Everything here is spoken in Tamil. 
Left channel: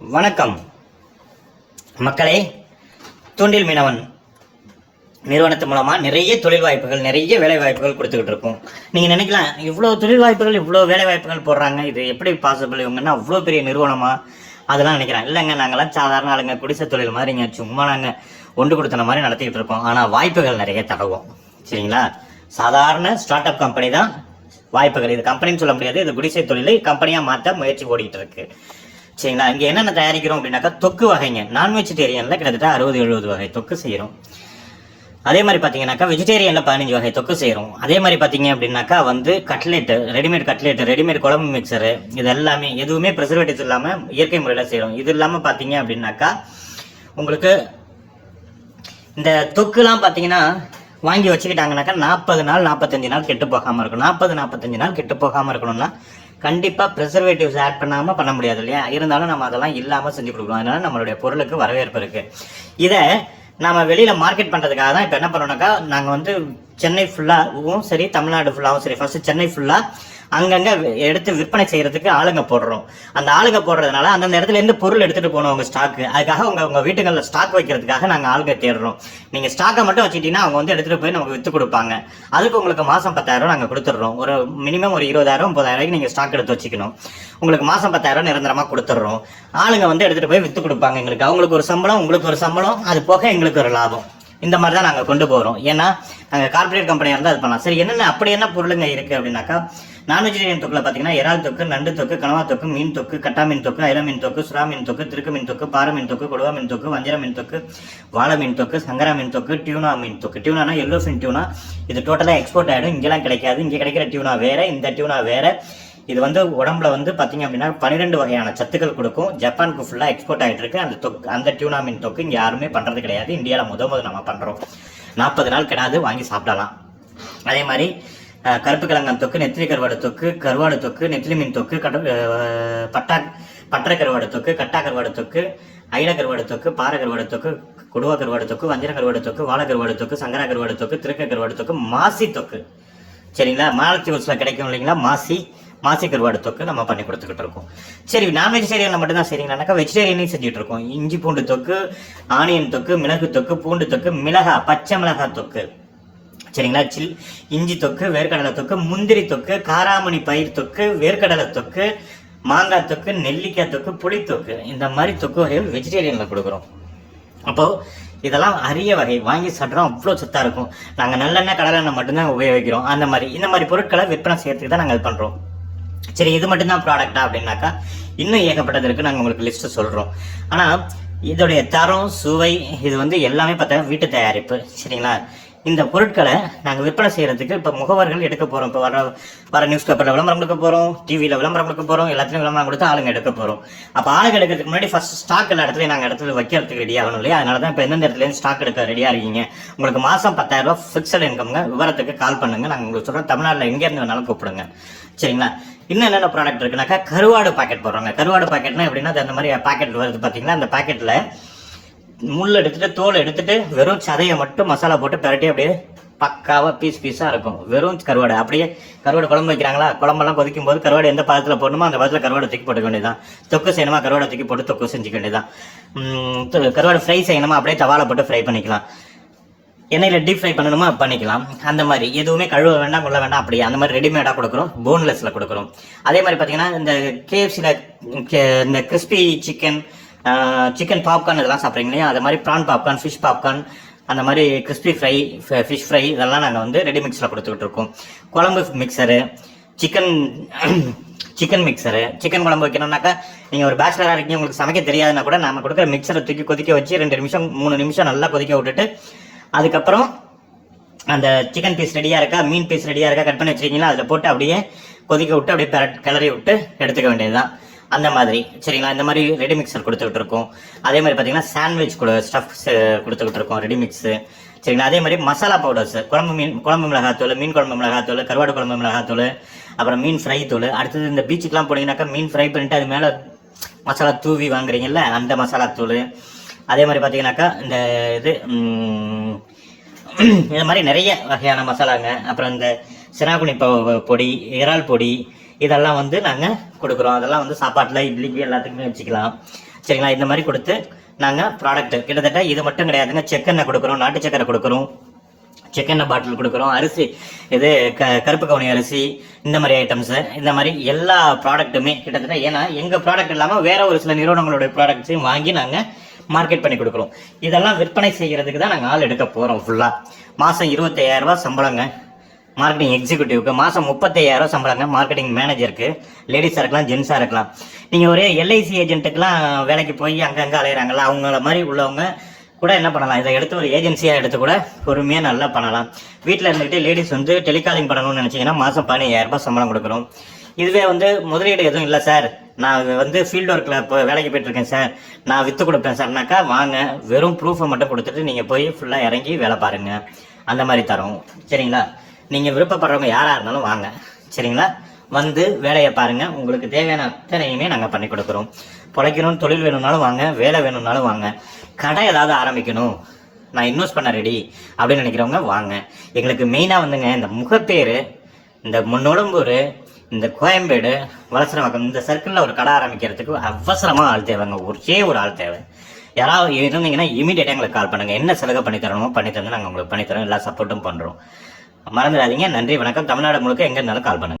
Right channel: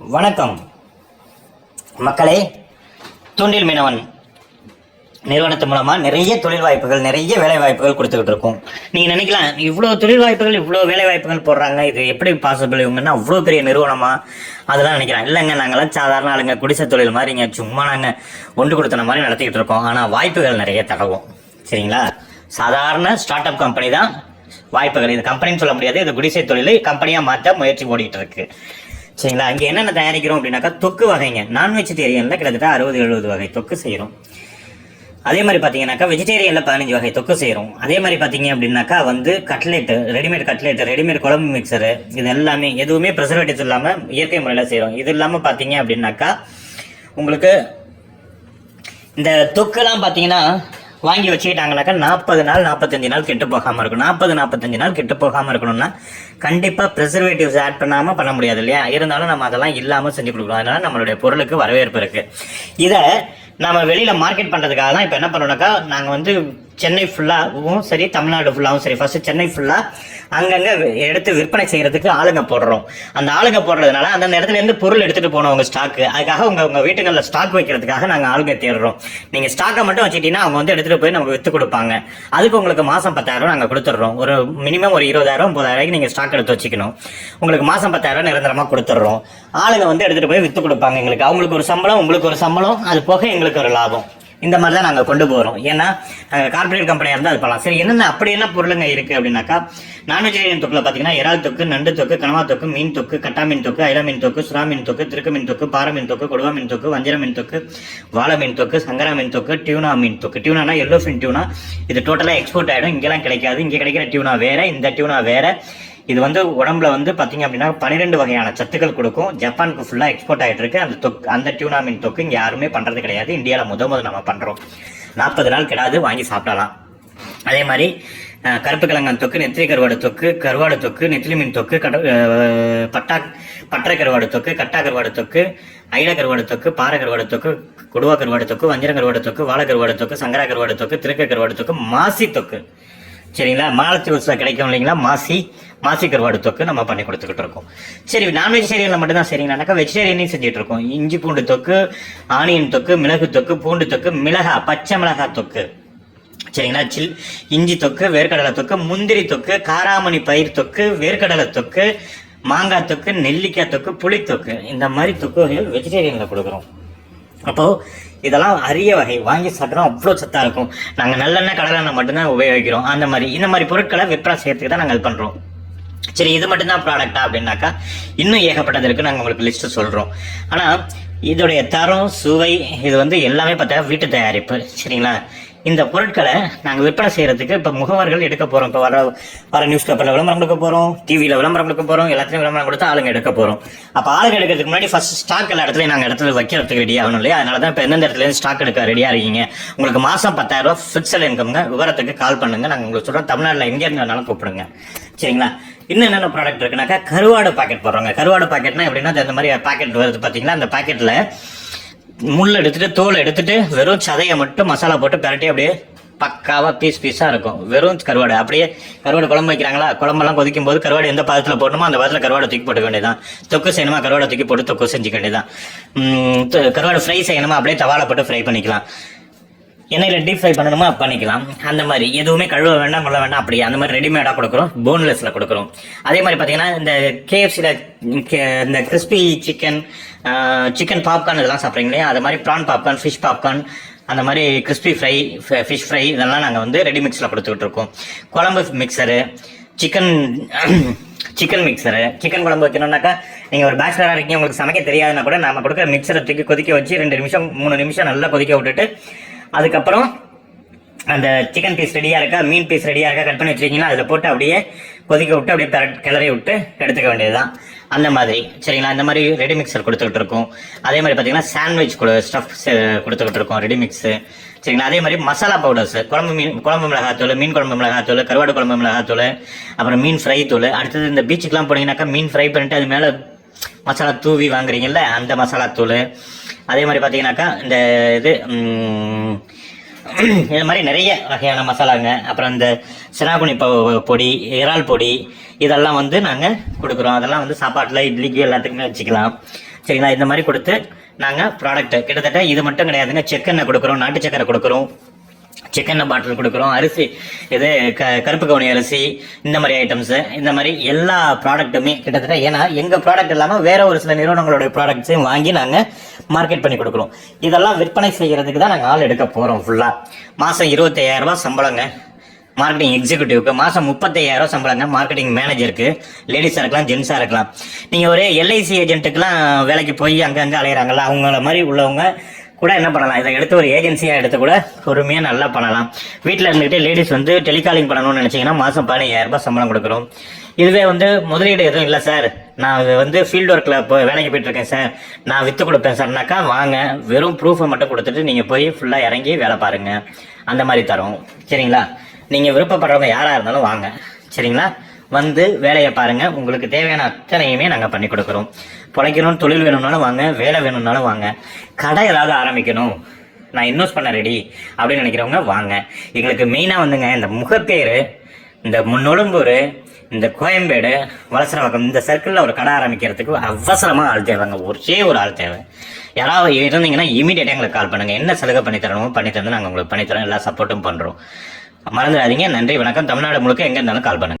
வணக்கம் மக்களே. தூண்டில் மீனவன் நிறுவனத்து மூலமாக நிறைய தொழில் வாய்ப்புகள், நிறைய வேலை வாய்ப்புகள் கொடுத்துக்கிட்டு இருக்கோம். நீங்கள் நினைக்கலாம், இவ்வளோ தொழில் வாய்ப்புகள், இவ்வளோ வேலை வாய்ப்புகள் போடுறாங்க, இது எப்படி பாசிபிள்? இவங்கன்னா அவ்வளோ பெரிய நிறுவனமா? அதெல்லாம் நினைக்கிறேன். இல்லைங்க, நாங்களாம் சாதாரண ஆளுங்க, குடிசை தொழில் மாதிரி இங்கே சும்மா நாங்கள் ஒன்று கொடுத்தன மாதிரி நடத்திக்கிட்டு இருக்கோம். ஆனால் வாய்ப்புகள் நிறைய தருவோம். சரிங்களா? சாதாரண ஸ்டார்ட் அப் கம்பெனி தான் வாய்ப்புகள். இது கம்பெனின்னு சொல்ல முடியாது, இது குடிசை தொழில் கம்பெனியாக மாற்ற முயற்சி ஓடிட்டு இருக்கு. சரிங்களா? இங்கே என்னென்ன தயாரிக்கிறோம் அப்படின்னாக்கா, தொக்கு வகைங்க. நான் வெஜிடேரியனில் கிட்டத்தட்ட 60-70 வகை தொக்கு செய்கிறோம். அதே மாதிரி பார்த்தீங்கன்னாக்கா வெஜிடேரியனில் 15 வகை தொக்கு செய்கிறோம். அதே மாதிரி பார்த்தீங்க அப்படின்னாக்கா கட்லெட்டு, ரெடிமேட் குழம்பு மிக்சரு, இது எல்லாமே எதுவுமே ப்ரிசர்வேட்டிவ்ஸ் இல்லாமல் இயற்கை முறையில் செய்கிறோம். இது இல்லாமல் பார்த்தீங்க அப்படின்னாக்கா உங்களுக்கு இந்த தொக்குலாம் பார்த்தீங்கன்னா வாங்கி வச்சுக்கிட்டாங்கனாக்கா 40 நாள் 45 நாள் கெட்டு போகாமல் இருக்கும். 40-45 நாள் கெட்டு போகாமல் இருக்கணும்னா கண்டிப்பாக ப்ரிசர்வேட்டிவ்ஸ் ஆட் பண்ணாமல் பண்ண முடியாது இல்லையா? இருந்தாலும் நம்ம அதெல்லாம் இல்லாமல் செஞ்சு கொடுக்குறோம். அதனால நம்மளுடைய பொருளுக்கு வரவேற்பு இருக்குது. இதை நம்ம வெளியில் மார்க்கெட் பண்ணுறதுக்காக தான் இப்போ என்ன பண்ணோம்னாக்கா, நாங்கள் சென்னை ஃபுல்லாகவும் சரி, தமிழ்நாடு ஃபுல்லாகவும் சரி, ஃபஸ்ட்டு சென்னை ஃபுல்லாக அங்கங்கே எடுத்து விற்பனை செய்கிறதுக்கு ஆளுங்க போடுறோம். அந்த ஆளுங்க போடுறதுனால அந்தந்த இடத்துலேருந்து பொருள் எடுத்துகிட்டு போனோம் உங்கள் ஸ்டாக்கு. அதுக்காக உங்கள் வீட்டுகளில் ஸ்டாக் வைக்கிறதுக்காக நாங்கள் ஆளுங்க தேடுறோம். நீங்கள் ஸ்டாக்கை மட்டும் வச்சுக்கிட்டீங்கன்னா அவங்க எடுத்துகிட்டு போய் நமக்கு விற்று கொடுப்பாங்க. அதுக்கு உங்களுக்கு மாதம் 10,000 நாங்கள் கொடுத்துட்றோம். ஒரு மினிமம் ஒரு 20,000-30,000 நீங்கள் ஸ்டாக் எடுத்து வச்சுக்கணும். உங்களுக்கு மாதம் 10,000 நிரந்தரமாக கொடுத்துட்றோம். ஆளுங்க எடுத்துகிட்டு போய் விற்று கொடுப்பாங்க எங்களுக்கு. அவங்களுக்கு ஒரு சம்பளம், உங்களுக்கு ஒரு சம்பளம், அது போக எங்களுக்கு ஒரு லாபம். இந்த மாதிரி தான் நாங்கள் கொண்டு போகிறோம். ஏன்னா நாங்கள் கார்பரேட் கம்பெனியாக இருந்தால் அது பண்ணலாம். சரி, என்னென்ன அப்படி என்ன பொருளுங்க இருக்குது அப்படின்னாக்கா, நான் வெஜிடேரியன் தொக்கில் பார்த்தீங்கன்னா இறால் தொக்கு, நண்டு தொக்கு, கனவா தொக்கு, மீன் தொக்கு, கட்டா மீன் தொக்கு, ஐல மீன் தொக்கு, சுறா மீன் தொக்கு, திருக்கு மீன் தொக்கு, பாறை மீன் தொக்கு, கொடுவா மீன் தொக்கு, வஞ்சிர மீன் தொக்கு, வாழை மீன் தொக்கு, சங்கரா மீன் தொக்கு, டியூனா மீன் தொக்கு. டியூனானா எல்லோ ஃபின் டியூனா. இது டோட்டலாக எக்ஸ்போர்ட் ஆகிடும். இங்கெல்லாம் கிடைக்காது. இங்கே கிடைக்கிற டியூனா வேறு, இந்த டியூனா வேறு. இது உடம்புல பார்த்தீங்க அப்படின்னா 12 வகையான சத்துக்கள் கொடுக்கும். ஜப்பானுக்கு ஃபுல்லாக எக்ஸ்போர்ட் ஆகிட்டு இருக்கு. அந்த டியூனா மீன் தொக்கு இங்கே யாருமே பண்ணுறது கிடையாது. இந்தியாவில் முதல் நம்ம பண்ணுறோம். 40 நாள் கிடாது, வாங்கி சாப்பிடலாம். அதே மாதிரி கருப்பு கிழங்கன் தொக்கு, நெத்திலி கருவாடு தொக்கு, கருவாடு தொக்கு, நெத்திலி மீன் தொக்கு, பட்டறை கருவாடு தொக்கு, கட்டா கருவாடு தொக்கு, ஐல கருவாடு தொக்கு, பாறை கருவாடு தொக்கு, கொடுவா கருவாடு தொக்கு, வஞ்சிர கருவாடு தொக்கு, வாழை கருவாடு தொக்கு, சங்கரா கருவாடு தொக்கு, திருக்க கருவாடு தொக்கு, மாசி தொக்கு. சரிங்களா? மாலத்தீவுல கிடைக்கும் இல்லைங்களா, மாசி கருவாடு தொக்கு நம்ம பண்ணி கொடுத்துக்கிட்டு இருக்கோம். சரி, நான் வெஜிடேரியனில் மட்டும்தான் சரிங்களாக்கா வெஜிடேரியனையும் செஞ்சுட்டு இருக்கோம். இஞ்சி பூண்டு தொக்கு, ஆனியன் தொக்கு, மிளகு தொக்கு, பூண்டு தொக்கு, பச்சை மிளகாய் தொக்கு. சரிங்களா? இஞ்சி தொக்கு, வேர்க்கடலை தொக்கு, முந்திரி தொக்கு, காராமணி பயிர் தொக்கு, வேர்க்கடலை தொக்கு, மாங்காய் தொக்கு, நெல்லிக்காய் தொக்கு, புளி தொக்கு. இந்த மாதிரி தொக்கு வெஜிடேரியனில் கொடுக்குறோம். அப்போது இதெல்லாம் அரிய வகை, வாங்கி சாப்பிட்றோம். அவ்வளோ சத்தாக இருக்கும். நாங்கள் நல்லெண்ணெய் கடலெண்ணெய் மட்டும்தான் உபயோகிக்கிறோம். இந்த மாதிரி பொருட்களை விற்பனை செய்யறதுக்கு தான் நாங்கள் இது பண்ணுறோம். சரி, இது மட்டும்தான் ப்ராடக்டா அப்படின்னாக்கா இன்னும் ஏகப்பட்டது இருக்குது. நாங்கள் உங்களுக்கு லிஸ்ட்டு சொல்கிறோம். ஆனால் இதோடைய தரம், சுவை, இது எல்லாமே பார்த்தா வீட்டு தயாரிப்பு. சரிங்களா? இந்த பொருட்களை நாங்கள் விற்பனை செய்கிறதுக்கு இப்போ முகவர்கள் எடுக்க போகிறோம். இப்போ வர நியூஸ் பேப்பரில் விளம்பரம் கொடுக்க போகிறோம், டிவியில் விளம்பரம் கொடுக்க போகிறோம், எல்லாத்தையும் விளம்பரம் கொடுத்து ஆளுங்க எடுக்க போகிறோம். அப்போ ஆளுங்க எடுக்கிறதுக்கு முன்னாடி ஃபர்ஸ்ட் ஸ்டாக் எல்லா இடத்துலையும் நாங்கள் இடத்துல வைக்கிறதுக்கு ரெடி ஆகணும் இல்லையா? அதனால தான் இப்போ எந்தெந்த இடத்துலையும் ஸ்டாக் எடுக்க ரெடியாக இருக்கீங்க. உங்களுக்கு மாதம் 10,000 ஃபிக்ஸட் இன்கம்ங்க. விவரத்துக்கு கால் பண்ணுங்கள். நாங்கள் உங்களுக்கு சொல்கிறோம். தமிழ்நாட்டில் எங்கே இருந்தாலும் கூப்பிடுங்க. சரிங்களா? இன்னும் என்னென்ன ப்ராடக்ட் இருக்குனாக்கா, கருவாடு பாக்கெட் போடுறாங்க. கருவாடு பாக்கெட்னா எப்படின்னா, அந்த மாதிரி பாக்கெட் வருது பார்த்தீங்களா? அந்த பாக்கெட்டில் முள் எடுத்துட்டு, தோல் எடுத்துட்டு, வெறும் சதையை மட்டும் மசாலா போட்டு பரட்டி அப்படியே பக்காவாக பீஸாக இருக்கும். வெறும் கருவாடு. அப்படியே கருவாடு குழம்பு வைக்கிறாங்களா, குழம்பெல்லாம் கொதிக்கும் போது கருவாடு எந்த பதத்தில் போடணுமோ அந்த பதத்தில் கருவாடை தூக்கி போட்டுக்க வேண்டியதான். தொக்கு செய்யணுமா, கருவாடை தூக்கி போட்டு தொக்கு செஞ்சுக்க வேண்டியதான். கருவாடு ஃப்ரை செய்யணுமா, அப்படியே தவாலை போட்டு ஃப்ரை பண்ணிக்கலாம். எண்ணெயில் டீப் ஃப்ரை பண்ணணுமா பண்ணிக்கலாம். அந்த மாதிரி எதுவுமே கழுவ வேண்டாம், கொள்ள வேண்டாம். அப்படியே அந்த மாதிரி ரெடிமேடாக கொடுக்குறோம். போன்லெஸ்ல கொடுக்குறோம். அதே மாதிரி பார்த்தீங்கன்னா, இந்த KFCல இந்த கிறிஸ்பி சிக்கன் பாப்கார்ன் இதெல்லாம் சாப்பிட்றீங்க இல்லையா? அது மாதிரி ப்ரான் பாப்கார்ன், ஃபிஷ் பாப்கார்ன், அந்த மாதிரி கிறிஸ்பி ஃப்ரை, ஃபிஷ் ஃப்ரை, இதெல்லாம் நாங்கள் ரெடி மிக்ஸில் கொடுத்துக்கிட்டு இருக்கோம். குழம்பு மிக்சரு, சிக்கன் மிக்சரு. சிக்கன் குழம்பு வைக்கணும்னாக்கா, நீங்கள் ஒரு பேச்சுலராக இருக்கீங்க, உங்களுக்கு சமைக்க தெரியாதுன்னா கூட நம்ம கொடுக்குற மிக்சரை தூக்கி கொதிக்க வச்சு 2 நிமிஷம் 3 நிமிஷம் நல்லா கொதிக்க விட்டுட்டு, அதுக்கப்புறம் அந்த சிக்கன் பீஸ் ரெடியாக இருக்கா, மீன் பீஸ் ரெடியாக இருக்கா, கட் பண்ணி வச்சுக்கிங்கன்னா அதில் போட்டு அப்படியே கொதிக்க விட்டு அப்படியே கிளறி விட்டு எடுத்துக்க வேண்டியதுதான். அந்த மாதிரி. சரிங்களா? இந்த மாதிரி ரெடி மிக்சர் கொடுத்துக்கிட்டு இருக்கோம். அதே மாதிரி பார்த்தீங்கன்னா சாண்ட்விச் ஸ்டஃப் கொடுத்துக்கிட்டு இருக்கோம், ரெடி மிக்ஸு. சரிங்களா? அதே மாதிரி மசாலா பவுடர்ஸ், குழம்பு மிளகாத்தூள், மீன் குழம்பு மிளகாத்தூள், கருவாடு குழம்பு மிளகாத்தூள், அப்புறம் மீன் ஃப்ரை தூள். அடுத்தது இந்த பீச்சுக்கெலாம் போனீங்கன்னாக்கா மீன் ஃப்ரை பண்ணிட்டு அது மேலே மசாலா தூவி வாங்குறீங்கல்ல, அந்த மசாலா தூள். அதே மாதிரி பார்த்தீங்கன்னாக்கா இந்த இது மாதிரி நிறைய வகையான மசாலாங்க. அப்புறம் இந்த சினாகுனி பொடி, இறால் பொடி, இதெல்லாம் வந்து நாங்கள் கொடுக்குறோம். அதெல்லாம் வந்து சாப்பாட்டில் இட்லிக்கு எல்லாத்துக்குமே வச்சுக்கலாம். சரிங்களா? இந்த மாதிரி கொடுத்து நாங்கள் ப்ராடக்ட் கிட்டத்தட்ட இது மட்டும் கிடையாதுங்க. செக்கெண்ணெய் கொடுக்குறோம், நாட்டு சக்கரை கொடுக்குறோம், செக்கெண்ணெய் பாட்டில் கொடுக்குறோம், அரிசி இது கருப்பு கவுனி அரிசி, இந்த மாதிரி ஐட்டம்ஸு, இந்த மாதிரி எல்லா ப்ராடக்ட்டுமே கிட்டத்தட்ட. ஏன்னா எங்கள் ப்ராடக்ட் இல்லாமல் வேற ஒரு சில நிறுவனங்களுடைய ப்ராடக்ட்ஸையும் வாங்கி நாங்கள் மார்க்கெட் பண்ணி கொடுக்குறோம். இதெல்லாம் விற்பனை செய்கிறதுக்கு தான் நாங்கள் ஆள் எடுக்க போகிறோம். ஃபுல்லாக மாதம் 25,000 சம்பளங்க மார்க்கெட்டிங் எக்ஸிக்யூட்டிவ்க்கு, மாதம் 35,000 சம்பளங்க மார்க்கெட்டிங் மேனேஜருக்கு. லேடிஸாக இருக்கலாம், ஜென்ஸாக இருக்கலாம். நீங்கள் ஒரு எல்ஐசி ஏஜென்ட்டுக்கெலாம் வேலைக்கு போய் அங்கங்கே அலையிறாங்களா, அவங்கள மாதிரி உள்ளவங்க கூட என்ன பண்ணலாம், இதை எடுத்து ஒரு ஏஜென்சியாக எடுத்து கூட பொறுமையாக நல்லா பண்ணலாம். வீட்டில் இருந்துகிட்டே லேடிஸ் வந்து டெலிகாலிங் பண்ணணும்னு நினச்சிங்கன்னா மாதம் 15,000 சம்பளம் கொடுக்குறோம். இதுவே வந்து முதலீடு எதுவும் இல்லை சார், நான் வந்து ஃபீல்டு ஒர்க்கில் இப்போ வேலைக்கு போயிட்டுருக்கேன் சார், நான் விற்று கொடுப்பேன் சார்னாக்கா வாங்க, வெறும் ப்ரூஃபை மட்டும் கொடுத்துட்டு நீங்கள் போய் ஃபுல்லாக இறங்கி வேலை பாருங்கள், அந்த மாதிரி தரோம். சரிங்களா? நீங்கள் விருப்பப்படுறவங்க யாராக இருந்தாலும் வாங்க. சரிங்களா? வந்து வேலையை பாருங்கள். உங்களுக்கு தேவையான அத்தனையுமே நாங்கள் பண்ணி கொடுக்குறோம். பிழைக்கணும், தொழில் வேணும்னாலும் வாங்க, வேலை வேணும்னாலும் வாங்க. கடை ஏதாவது ஆரம்பிக்கணும், நான் இன்வெஸ்ட் பண்ண ரெடி அப்படின்னு நினைக்கிறவங்க வாங்க. எங்களுக்கு மெயினாக வந்துங்க இந்த முகப்பேர், இந்த நொழும்பூர், இந்த கோயம்பேடு, வலசரவாக்கம், இந்த சர்க்கிளில் ஒரு கடை ஆரம்பிக்கிறதுக்கு அவசரமாக ஆள் தேவைங்க. ஒரே ஒரு ஆள் தேவை. யாராவது இருந்தீங்கன்னா இமீடியட்டாக எங்களுக்கு கால் பண்ணுங்கள். என்ன சலுகை பண்ணி தரணுமோ பண்ணி தந்து நாங்கள் உங்களுக்கு பண்ணித்தரோம். எல்லா சப்போர்ட்டும் பண்ணுறோம். மறந்துடாதீங்க. நன்றி, வணக்கம். தமிழ்நாடு முழுக்க எங்கே இருந்தாலும் கால் பண்ணுங்கள்.